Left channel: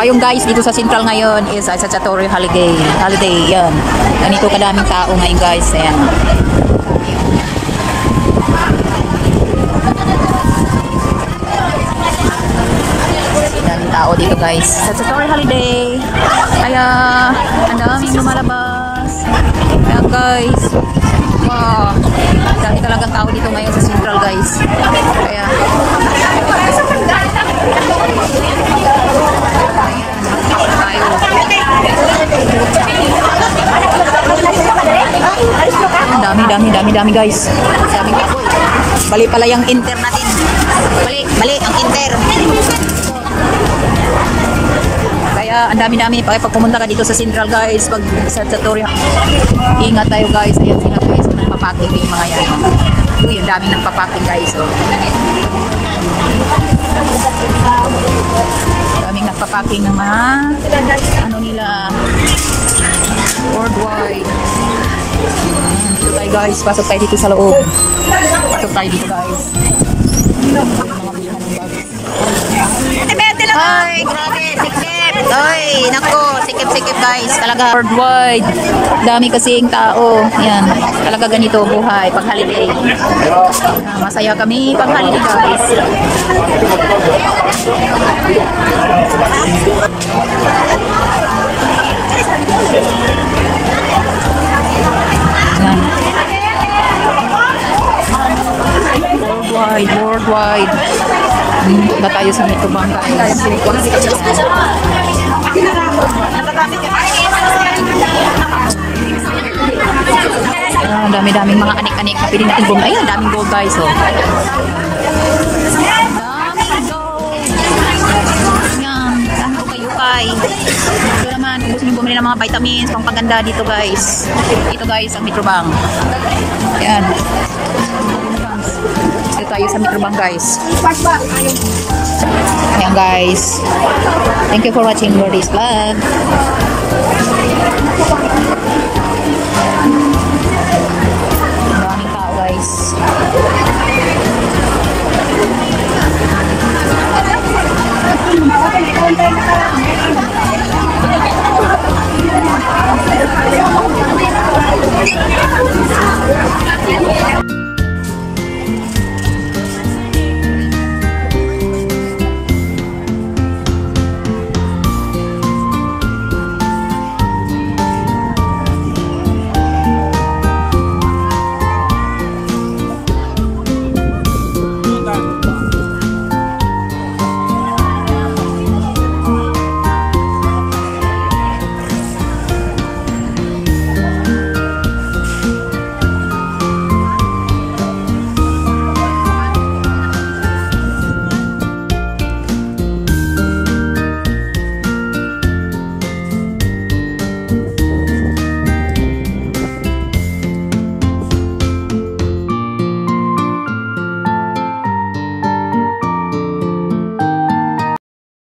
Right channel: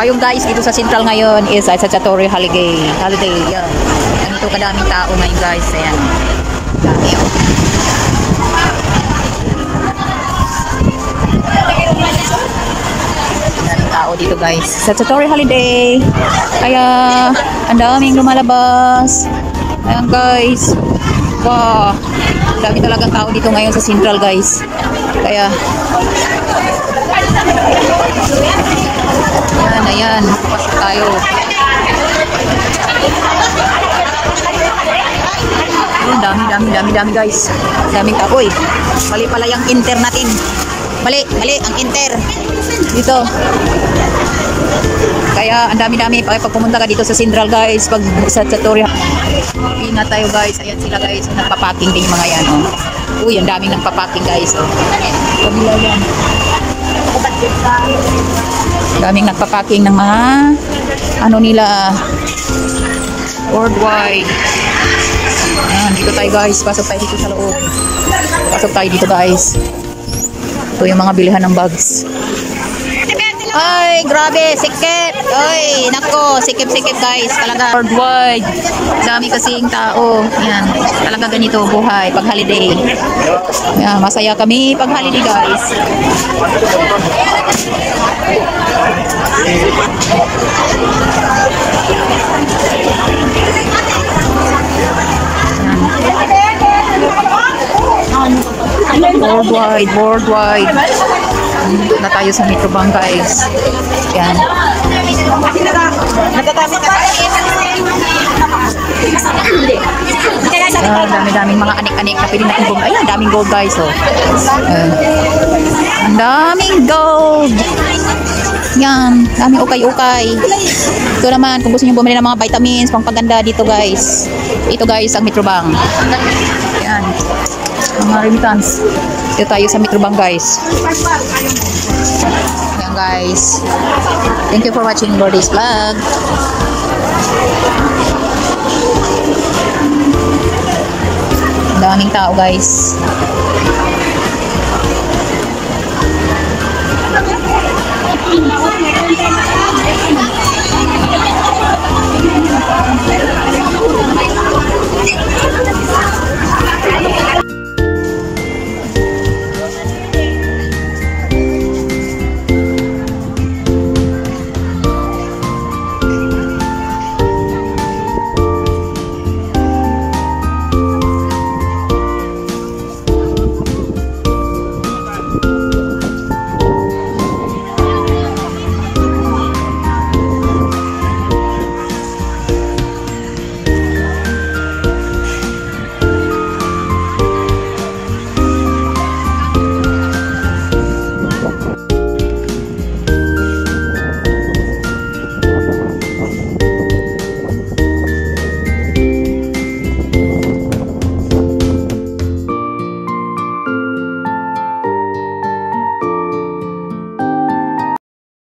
Ayun guys, dito sa Central ngayon is Satsatory Holiday. Yan. Ganito kadaming tao ngayon guys. Ayan. Dami oh. Daming tao dito guys. Satsatory Holiday. Kaya ang daming lumalabas. Ayan guys. Wow. Dami talagang tao dito ngayon sa Central guys. Kaya ayan, tayo. Oh, dami guys. Daming kapoy. Bali pala yung inter natin. Bali ang inter. Dito. Kaya ang dami pag pumunta ka dito sa Central guys, pag sa Satsatory. Ingat tayo guys. Ayan sila guys, nagpa-packing din mga yan oh. Uy, ang daming nagpa-packing guys oh. Daming nagpa-packing ng mga ano nila worldwide. Ayan, dito tayo guys, pasok tayo dito sa loob. Pasok tayo dito guys. Ito yung mga bilihan ng bags. Ay, grabe, sikip. Ay, nako, sikip guys. Talaga worldwide. Dami kasing tao. Yan, talaga ganito buhay pag holiday. Yan, masaya kami pag holiday guys. Yan. Worldwide. Na tayo sa Metrobank guys. Yan. Dami-daming mga anik-anik na pwede natin gold. Ayan, daming gold guys oh. Daming gold. Yan, daming ukay-ukay. Ito naman, kung gusto nyo bumili ng mga vitamins, pangpaganda dito guys. Ito guys, ang Metrobank. Yan. Mga remittance. Dito tayo sa Metrobank guys. Ayan guys. Thank you for watching for this vlog. Daming tao guys.